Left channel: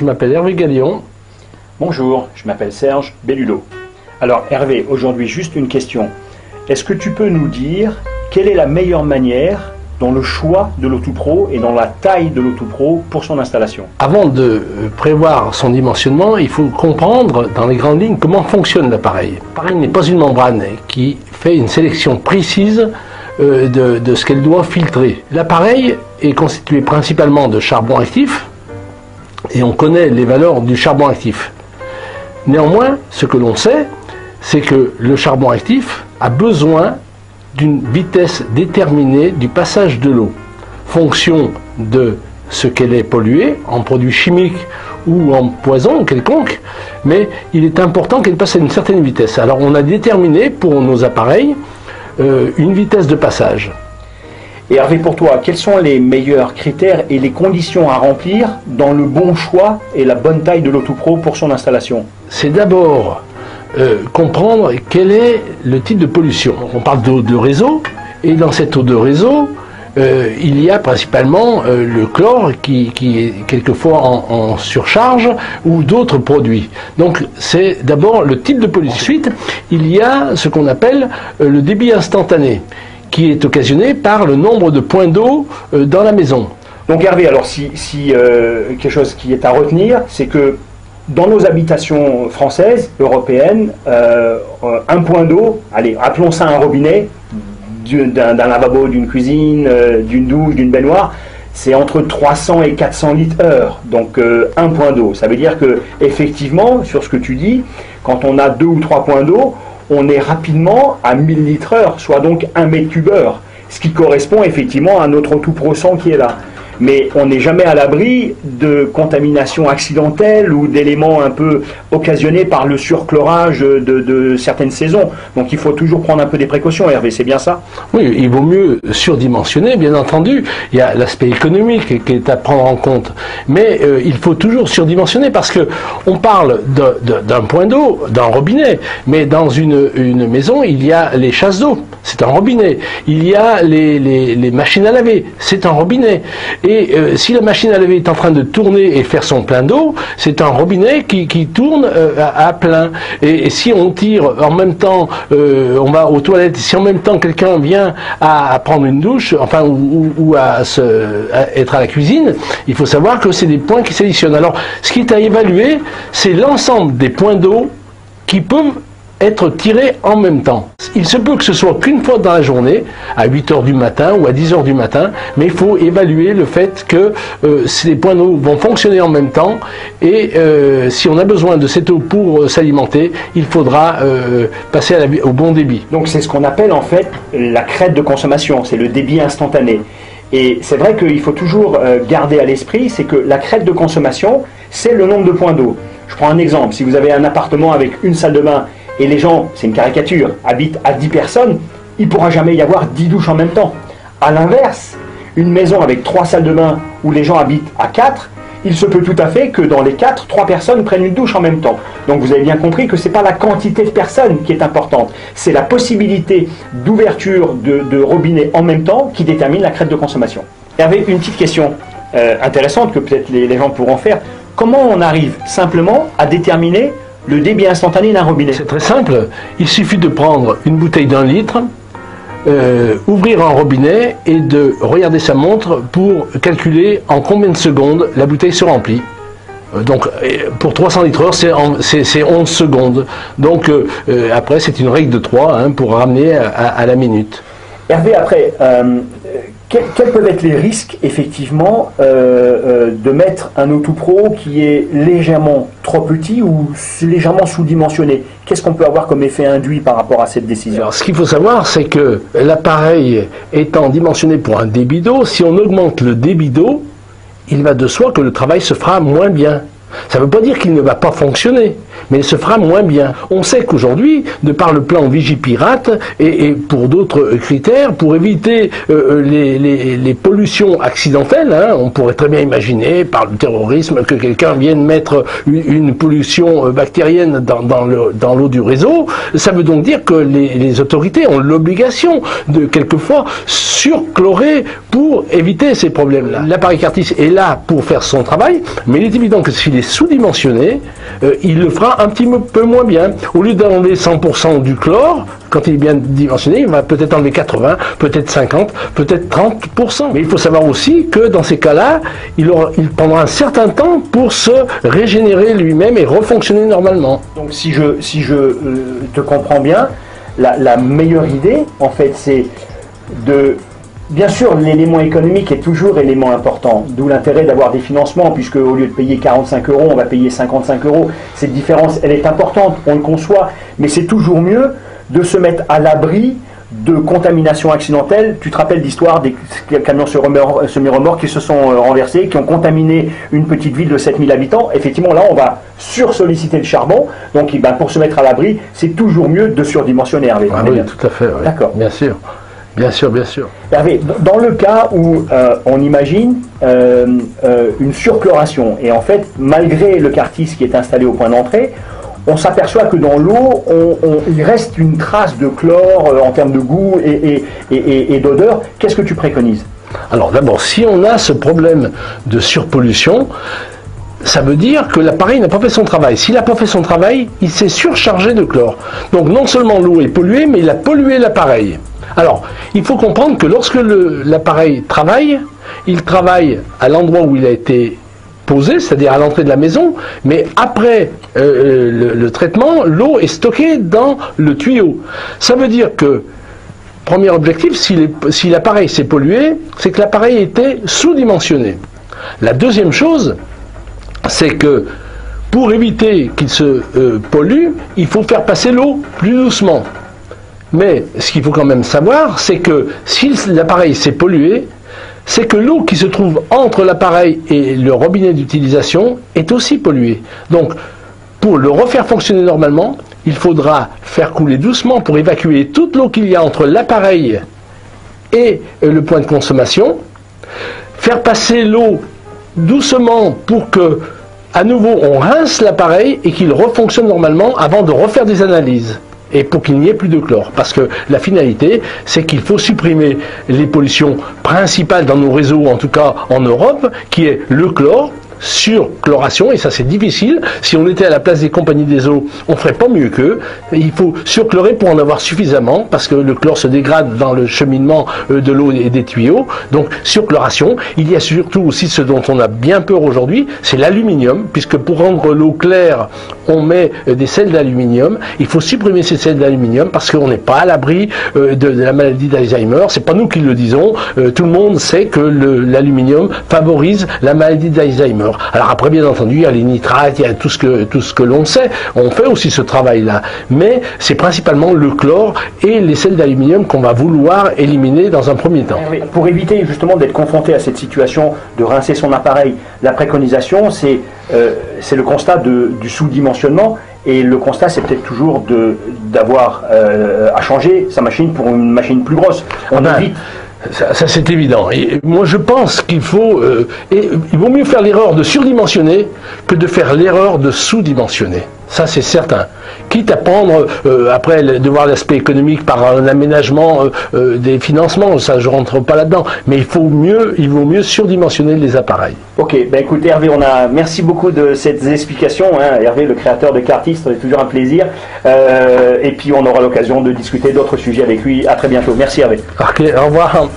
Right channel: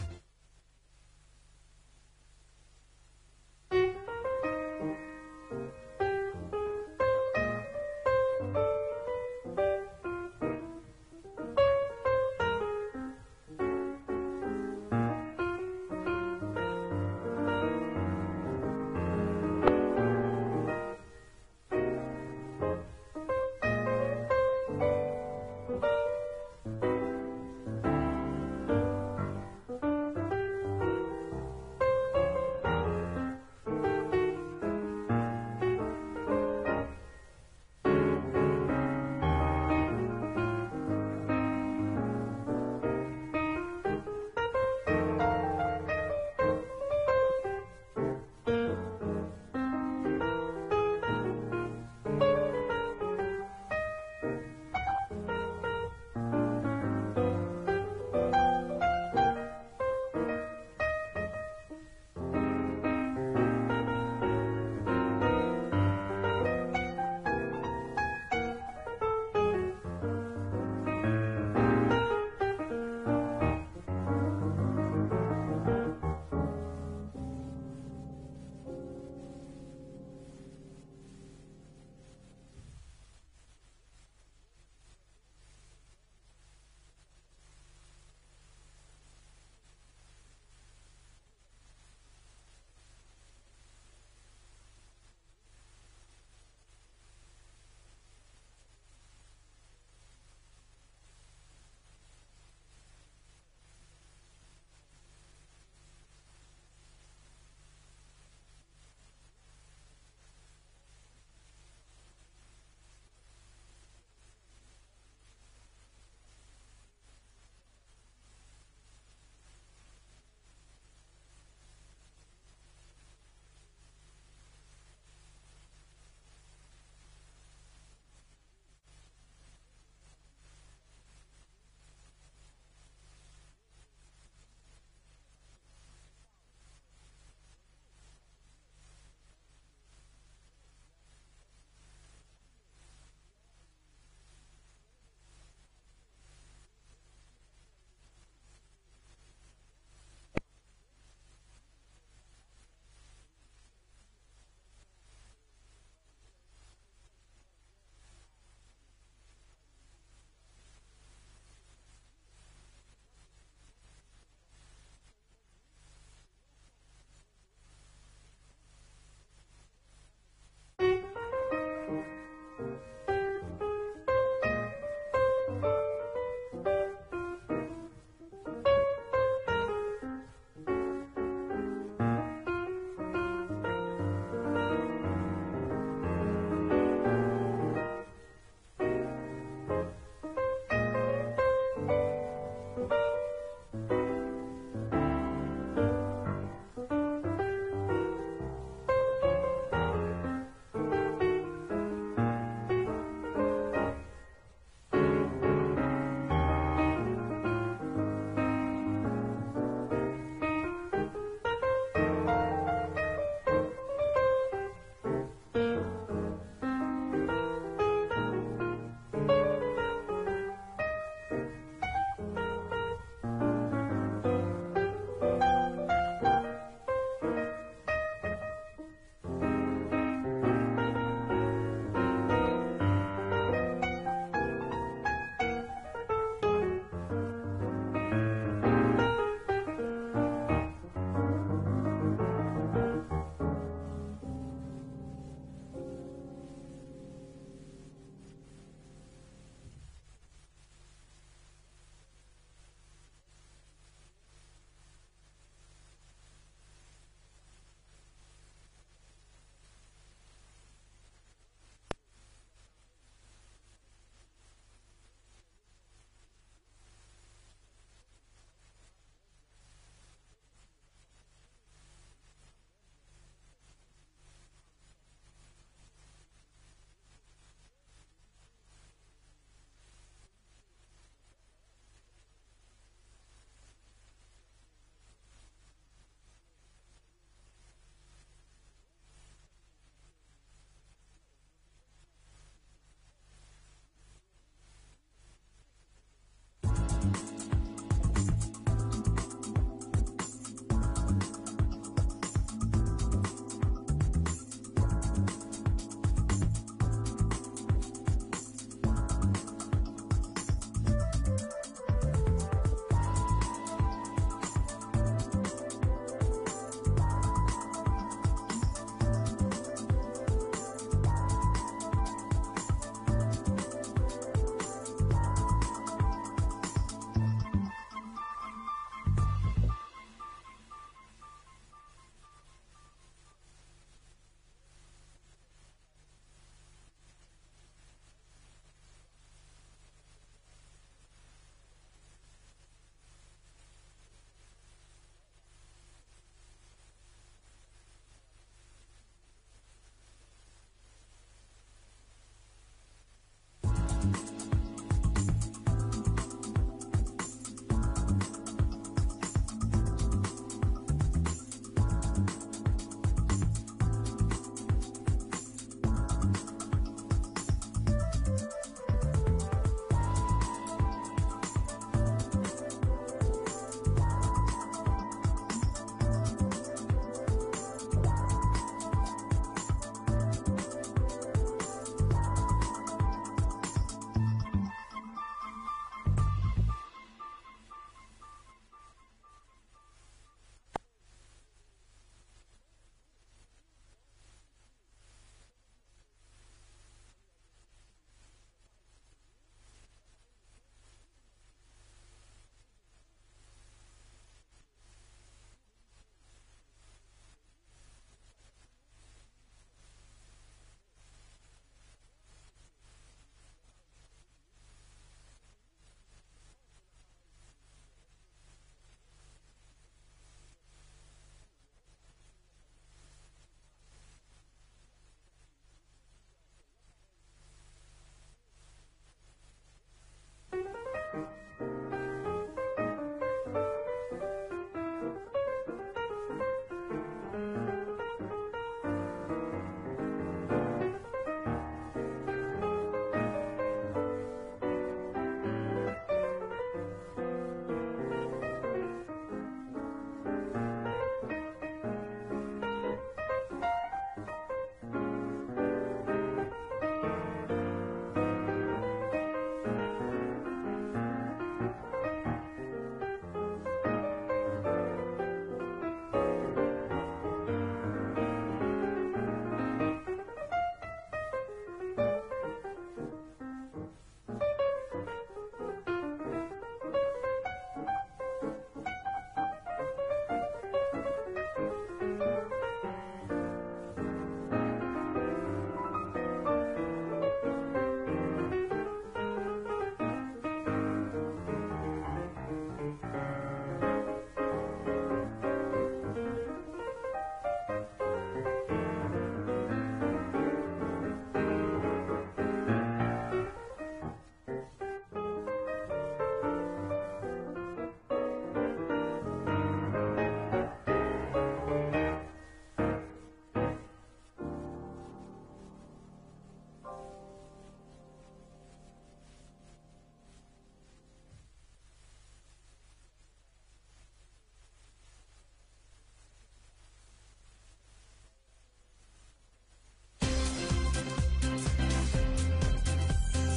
je m'appelle Hervé Gallion. Bonjour, je m'appelle Serge Bellulo. Alors Hervé, aujourd'hui juste une question. Est-ce que tu peux nous dire quelle est la meilleure manière dans le choix de l'Auto-Pro et dans la taille de l'Auto-Pro pour son installation? Avant de prévoir son dimensionnement, il faut comprendre dans les grandes lignes comment fonctionne l'appareil. L'appareil n'est pas une membrane qui fait une sélection précise de ce qu'elle doit filtrer. L'appareil est constitué principalement de charbon actif et on connaît les valeurs du charbon actif. Néanmoins, ce que l'on sait, c'est que le charbon actif a besoin d'une vitesse déterminée du passage de l'eau, fonction de ce qu'elle est polluée en produits chimiques ou en poison quelconque, mais il est important qu'elle passe à une certaine vitesse. Alors on a déterminé pour nos appareils une vitesse de passage. Et Hervé, pour toi, quels sont les meilleurs critères et les conditions à remplir dans le bon choix et la bonne taille de l'Auto-Pro pour son installation? C'est d'abord comprendre quel est le type de pollution. On parle d'eau de réseau, et dans cette eau de réseau, il y a principalement le chlore qui est quelquefois en surcharge ou d'autres produits. Donc c'est d'abord le type de pollution. Ensuite, il y a ce qu'on appelle le débit instantané, qui est occasionné par le nombre de points d'eau dans la maison. Donc Hervé, alors si quelque chose qui est à retenir, c'est que dans nos habitations françaises, européennes, un point d'eau, allez, appelons ça un robinet, d'un lavabo, d'une cuisine, d'une douche, d'une baignoire, c'est entre 300 et 400 litres heure. Donc un point d'eau. Ça veut dire que effectivement, sur ce que tu dis, quand on a 2 ou 3 points d'eau, on est rapidement à 1000 litres heure, soit donc 1 mètre cube heure, ce qui correspond effectivement à notre Auto-Pro 100 qui est là. Mais on n'est jamais à l'abri de contamination accidentelle ou d'éléments un peu occasionnés par le surchlorage de certaines saisons. Donc il faut toujours prendre un peu des précautions, Hervé, c'est bien ça? Oui, il vaut mieux surdimensionner, bien entendu. Il y a l'aspect économique qui est à prendre en compte. Mais il faut toujours surdimensionner parce que on parle d'un point d'eau, d'un robinet. Mais dans une maison, il y a les chasses d'eau, c'est un robinet. Il y a les machines à laver, c'est un robinet. Et si la machine à laver est en train de tourner et faire son plein d'eau, c'est un robinet qui tourne à plein. Et si on tire en même temps, on va aux toilettes, si en même temps quelqu'un vient à prendre une douche, enfin ou à être à la cuisine, il faut savoir que c'est des points qui s'additionnent. Alors, ce qui est à évaluer, c'est l'ensemble des points d'eau qui peuvent être tirés en même temps. Il se peut que ce soit qu'une fois dans la journée, à 8 h du matin ou à 10 h du matin, mais il faut évaluer le fait que ces points d'eau vont fonctionner en même temps et si on a besoin de cette eau pour s'alimenter, il faudra passer au bon débit. Donc c'est ce qu'on appelle en fait la crête de consommation, c'est le débit instantané. Et c'est vrai qu'il faut toujours garder à l'esprit, c'est que la crête de consommation, c'est le nombre de points d'eau. Je prends un exemple, si vous avez un appartement avec une salle de bain et les gens, c'est une caricature, habitent à 10 personnes, il ne pourra jamais y avoir 10 douches en même temps. A l'inverse, une maison avec 3 salles de bain où les gens habitent à 4, il se peut tout à fait que dans les 4, 3 personnes prennent une douche en même temps. Donc vous avez bien compris que ce n'est pas la quantité de personnes qui est importante, c'est la possibilité d'ouverture de robinet en même temps qui détermine la crête de consommation. Hervé, une petite question intéressante que peut-être les gens pourront faire. Comment on arrive simplement à déterminer le débit instantané d'un robinet? C'est très simple, il suffit de prendre une bouteille d'1 litre, ouvrir un robinet et de regarder sa montre pour calculer en combien de secondes la bouteille se remplit. Donc pour 300 litres heure, c'est 11 secondes. Donc après c'est une règle de 3 pour ramener à la minute. Hervé, après, quels peuvent être les risques, effectivement, de mettre un Auto-Pro qui est légèrement trop petit ou légèrement sous-dimensionné? Qu'est-ce qu'on peut avoir comme effet induit par rapport à cette décision? Alors, ce qu'il faut savoir, c'est que l'appareil étant dimensionné pour un débit d'eau, si on augmente le débit d'eau, il va de soi que le travail se fera moins bien. Ça ne veut pas dire qu'il ne va pas fonctionner, mais elle se fera moins bien. On sait qu'aujourd'hui, de par le plan Vigipirate et pour d'autres critères, pour éviter les pollutions accidentelles, hein, on pourrait très bien imaginer par le terrorisme que quelqu'un vienne mettre une pollution bactérienne dans l'eau du réseau. Ça veut donc dire que les autorités ont l'obligation de quelquefois surchlorer pour éviter ces problèmes-là. L'appareil Cartis est là pour faire son travail, mais il est évident que s'il est sous-dimensionné, il le fera un petit peu moins bien. Au lieu d'enlever 100% du chlore, quand il est bien dimensionné, il va peut-être enlever 80, peut-être 50, peut-être 30%. Mais il faut savoir aussi que dans ces cas-là, il prendra un certain temps pour se régénérer lui-même et refonctionner normalement. Donc si je te comprends bien, la meilleure idée, en fait, c'est de... Bien sûr, l'élément économique est toujours élément important, d'où l'intérêt d'avoir des financements, puisque au lieu de payer 45 €, on va payer 55 €. Cette différence, elle est importante, on le conçoit, mais c'est toujours mieux de se mettre à l'abri de contamination accidentelle. Tu te rappelles l'histoire des camions semi-remorques qui se sont renversés, qui ont contaminé une petite ville de 7000 habitants. Effectivement, là, on va sursolliciter le charbon. Donc, pour se mettre à l'abri, c'est toujours mieux de surdimensionner, Hervé. Ah oui, tout à fait. Oui. D'accord. Bien sûr. Bien sûr, bien sûr. Hervé, dans le cas où on imagine une surchloration, et en fait, malgré le Cartis qui est installé au point d'entrée, on s'aperçoit que dans l'eau, il reste une trace de chlore en termes de goût et d'odeur. Qu'est-ce que tu préconises? Alors d'abord, si on a ce problème de surpollution, ça veut dire que l'appareil n'a pas fait son travail. S'il n'a pas fait son travail, il s'est surchargé de chlore. Donc non seulement l'eau est polluée, mais il a pollué l'appareil. Alors, il faut comprendre que lorsque l'appareil travaille, il travaille à l'endroit où il a été posé, c'est-à-dire à l'entrée de la maison, mais après le traitement, l'eau est stockée dans le tuyau. Ça veut dire que, premier objectif, si l'appareil s'est pollué, c'est que l'appareil était sous-dimensionné. La deuxième chose, c'est que pour éviter qu'il se pollue, il faut faire passer l'eau plus doucement. Mais ce qu'il faut quand même savoir, c'est que si l'appareil s'est pollué, c'est que l'eau qui se trouve entre l'appareil et le robinet d'utilisation est aussi polluée. Donc, pour le refaire fonctionner normalement, il faudra faire couler doucement pour évacuer toute l'eau qu'il y a entre l'appareil et le point de consommation, faire passer l'eau doucement pour que, à nouveau, on rince l'appareil et qu'il refonctionne normalement avant de refaire des analyses. Et pour qu'il n'y ait plus de chlore. Parce que la finalité, c'est qu'il faut supprimer les pollutions principales dans nos réseaux, en tout cas en Europe, qui est le chlore, surchloration, et ça c'est difficile. Si on était à la place des compagnies des eaux, on ferait pas mieux qu'eux. Il faut surchlorer pour en avoir suffisamment, parce que le chlore se dégrade dans le cheminement de l'eau et des tuyaux. Donc surchloration. Il y a surtout aussi ce dont on a bien peur aujourd'hui, c'est l'aluminium, puisque pour rendre l'eau claire, on met des sels d'aluminium. Il faut supprimer ces sels d'aluminium parce qu'on n'est pas à l'abri de la maladie d'Alzheimer. C'est pas nous qui le disons. Tout le monde sait que l'aluminium favorise la maladie d'Alzheimer. Alors après, bien entendu, il y a les nitrates, il y a tout ce que l'on sait. On fait aussi ce travail-là. Mais c'est principalement le chlore et les sels d'aluminium qu'on va vouloir éliminer dans un premier temps. Pour éviter justement d'être confronté à cette situation de rincer son appareil, la préconisation, c'est le constat du sous-dimensionnement. Et le constat, c'est peut-être toujours d'avoir à changer sa machine pour une machine plus grosse. On évite... Ça c'est évident. Et moi je pense qu'il faut, il vaut mieux faire l'erreur de surdimensionner que de faire l'erreur de sous-dimensionner. Ça c'est certain. Quitte à prendre, après de voir l'aspect économique par un aménagement des financements, ça je rentre pas là-dedans. Mais il vaut mieux surdimensionner les appareils. Ok, ben écoute Hervé, merci beaucoup de ces explications. Hein. Hervé, le créateur de Cartis, c'est toujours un plaisir. Et puis on aura l'occasion de discuter d'autres sujets avec lui. À très bientôt. Merci Hervé. Ok, au revoir.